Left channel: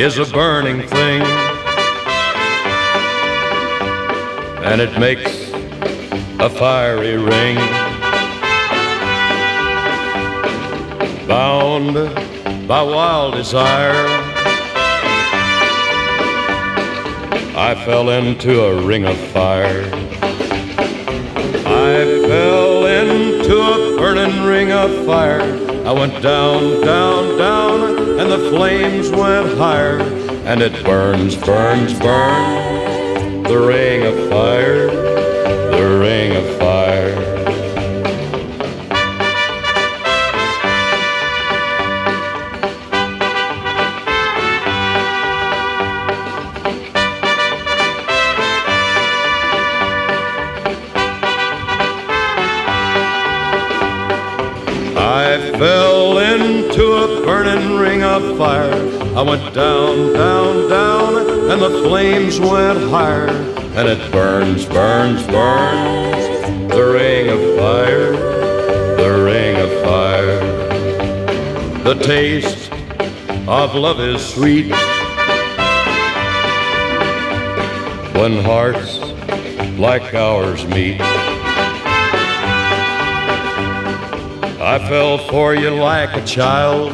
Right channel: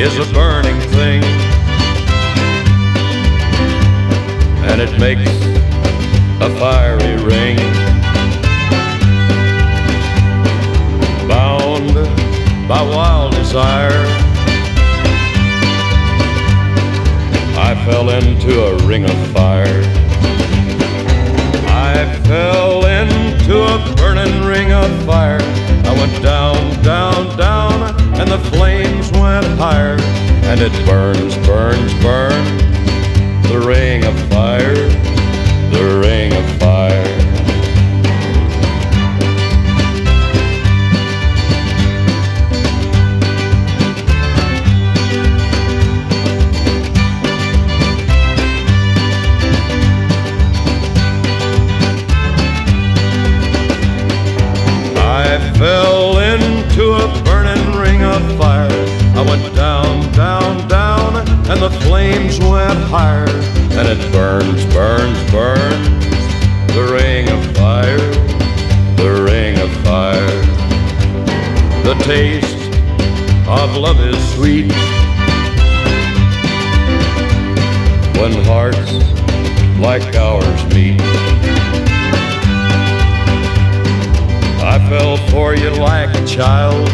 is a burning thing, and it makes a fiery ring. Bound by wild desire, I fell into a ring of fire. I fell into a burning ring of fire. I went down, down, down, and the flames went higher. And it burns, burns, burns, the ring of fire, the ring of fire. I fell into a burning ring of fire. I went down, down, down, and the flames went higher. And it burns, burns, burns, the ring of fire, the ring of fire. The taste of love is sweet when hearts like ours meet. I fell for you like a child.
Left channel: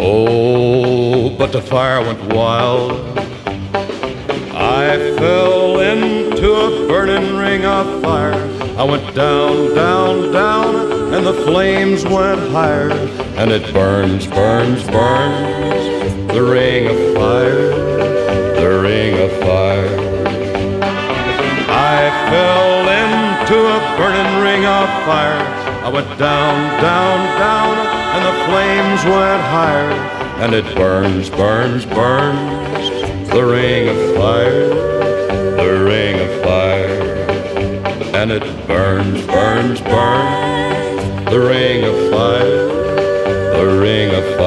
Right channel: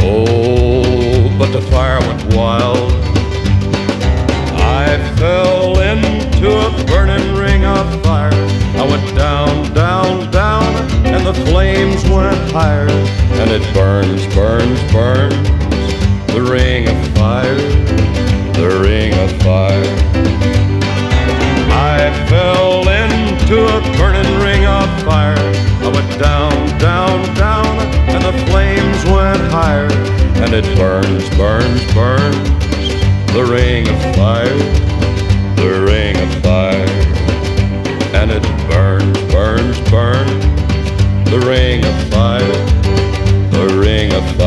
Oh, but the fire went wild. I fell into a burning ring of fire. I went down, down, down, and the flames went higher. And it burns, burns, burns, the ring of fire, the ring of fire. I fell into a burning ring of fire. I went down, down, down, and the flames went higher. And it burns, burns, burns, the ring of fire, the ring of fire. And it burns, burns, burns, the ring of fire, the ring of fire.